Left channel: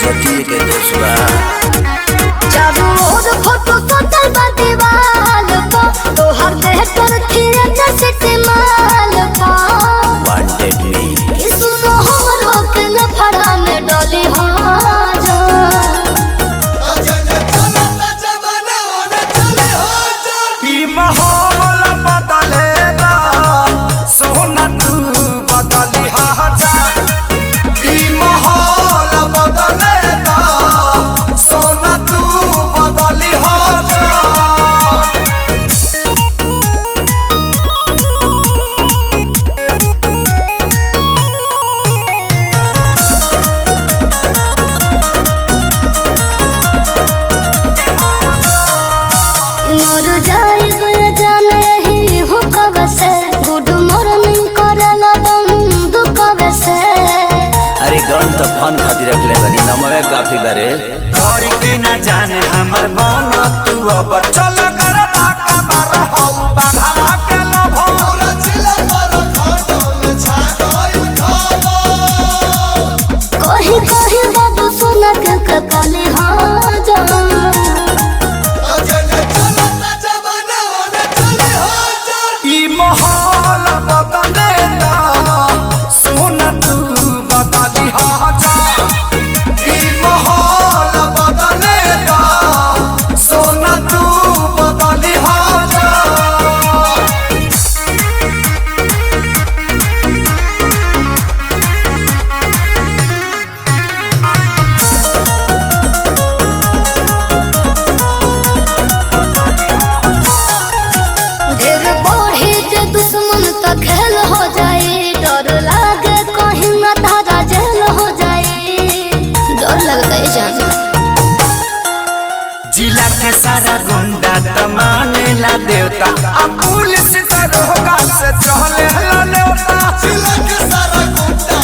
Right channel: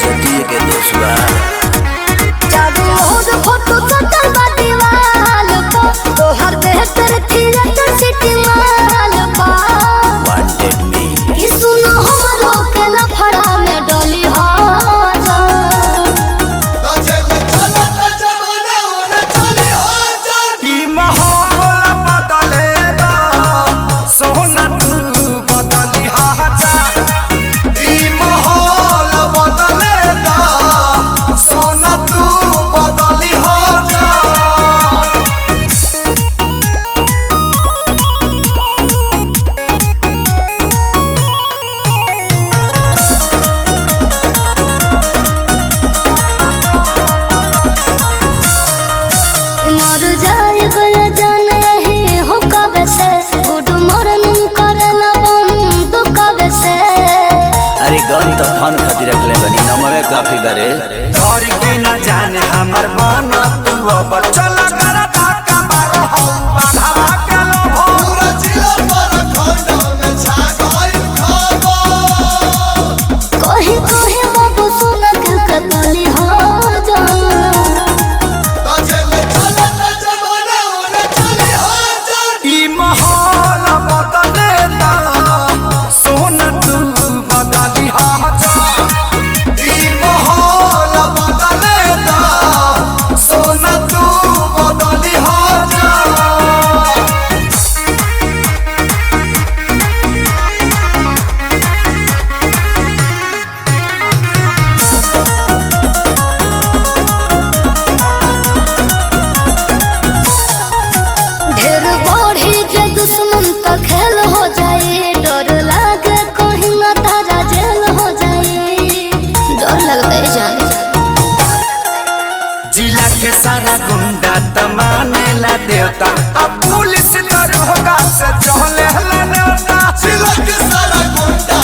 इज्जती के दोस्त बा। वांटेड मी फड़ा में डोली माहौल बदलेगा सोना तू बदली हाजा। माहौल बदलेगा सोना तू बदली हाजा। अरे गन तो फन खातिर रखले बनी नमवे काफी करे। घर की न जाने हमर मन तू अब चल कर धक्का मार हो बाघवा के लोभो। कही कही बाबू सुना के कली माहौल बदलेगा सोना तू बदली हाजा। माहौल बदलेगा सोना तू बदली हाजा। डर लगता है जान। जिला के सारा गुंडा तमानेला देवता अब पुलिस दरोगा से चहले हला नेवता। जिला के सारा गुंडा